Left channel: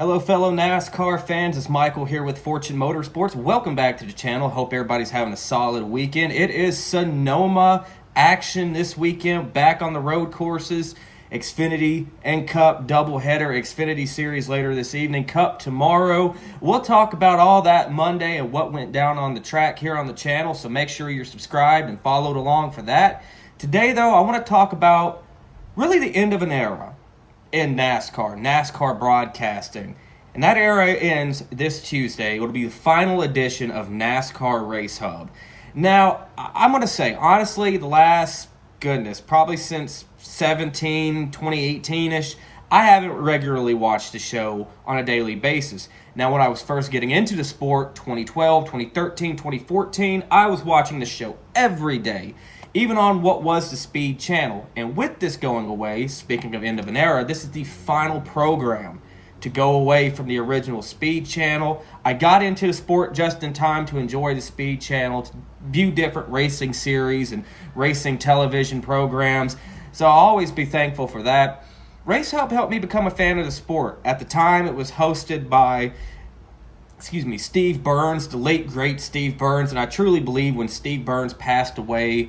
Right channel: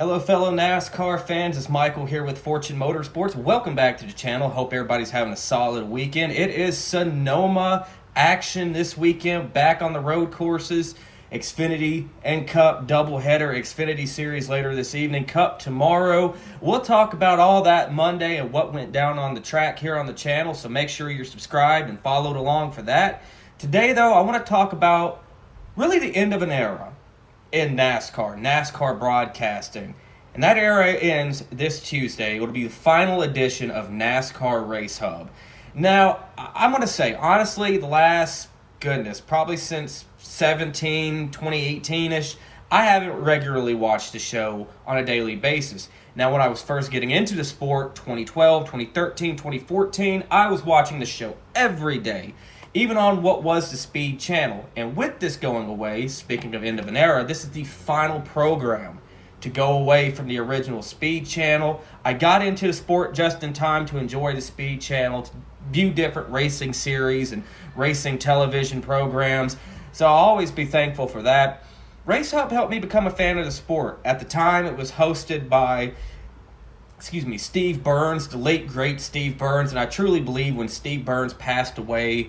Hello, fellow NASCAR fans. It's Michael here with Fortune Motorsports. Welcome back to the channel. Hope everybody's having a solid weekend. It is Sonoma action this weekend, back on the road courses. Xfinity and Cup doubleheader. Xfinity Series later this evening, Cup tomorrow. We'll talk about all that Monday and what went down on the track here on the channel, so make sure you're subscribed and followed along for that. Today, though, I want to talk about really the end of an era in NASCAR broadcasting. And that era ends this Tuesday. It will be the final edition of NASCAR Race Hub. Now, I'm going to say, honestly, the last, probably since 2018-ish, I haven't regularly watched the show on a daily basis. Now, when I was first getting into the sport, 2012, 2013, 2014, I was watching the show every day, even on what was the Speed channel. And with this going away, speaking of end of an era, this is the final program to go away from the original Speed channel. I got into the sport just in time to enjoy the Speed channel, to view different racing series and racing television programs. So I'll always be thankful for that. Race Hub helped me become a fan of the sport. At the time, it was hosted by Steve Burns, the late, great Steve Burns. And I truly believe when Steve Burns passed away,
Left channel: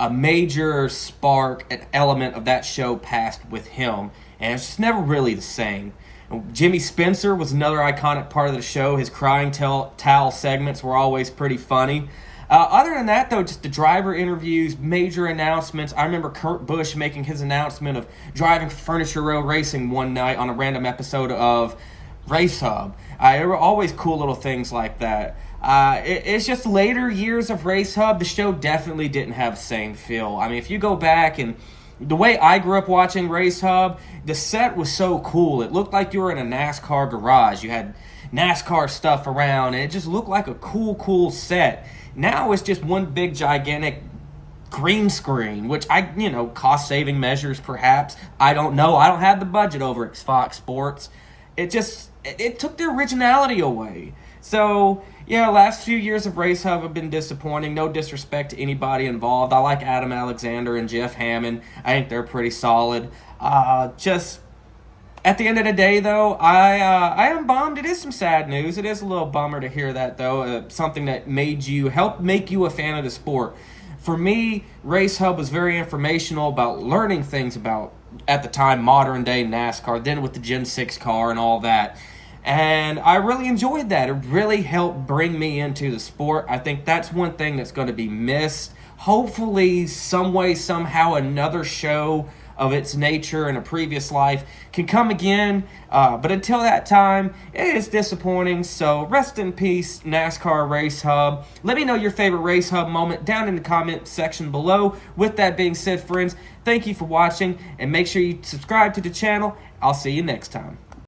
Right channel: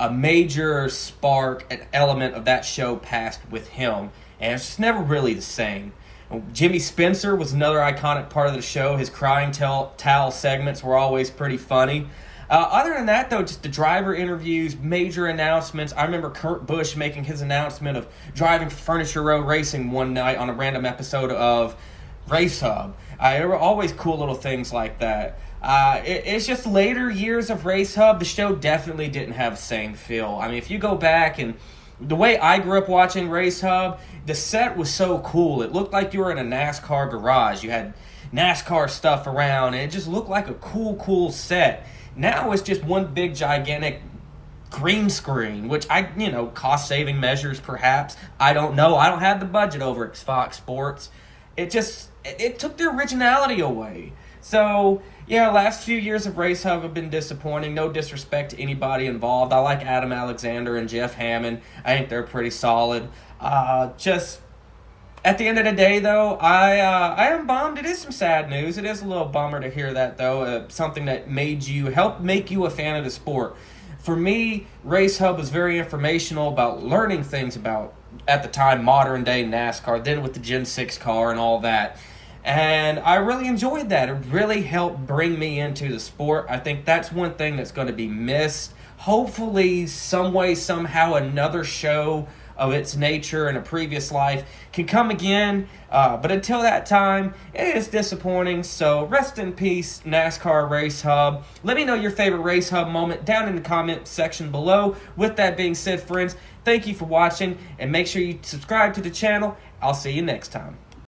a major spark, an element of that show passed with him, and it's just never really the same. Jimmy Spencer was another iconic part of the show. His crying towel segments were always pretty funny. Other than that, though, just the driver interviews, major announcements. I remember Kurt Busch making his announcement of driving for Furniture Row Racing one night on a random episode of Race Hub. There were always cool little things like that. It's just later years of Race Hub, the show definitely didn't have the same feel. I mean, if you go back, and the way I grew up watching Race Hub, the set was so cool. It looked like you were in a NASCAR garage. You had NASCAR stuff around, and it just looked like a cool set. Now it's just one big, gigantic green screen, which cost-saving measures perhaps. I don't know. I don't have the budget over at Fox Sports. It took the originality away. So, yeah, last few years of Race Hub have been disappointing. No disrespect to anybody involved. I like Adam Alexander and Jeff Hammond. I think they're pretty solid. Just at the end of the day, though, I am bummed. It is some sad news. It is a little bummer to hear that, though. Something that helped make you a fan of the sport. For me, Race Hub was very informational about learning things about, at the time, modern day NASCAR, then with the Gen 6 car and all that. And I really enjoyed that. It really helped bring me into the sport. I think that's one thing that's going to be missed. Hopefully, some way, somehow, another show of its nature in a previous life can come again. But until that time, it is disappointing. So rest in peace, NASCAR Race Hub. Let me know your favorite Race Hub moment down in the comment section below. With that being said, friends, thank you for watching. And make sure you subscribe to the channel. I'll see you next time.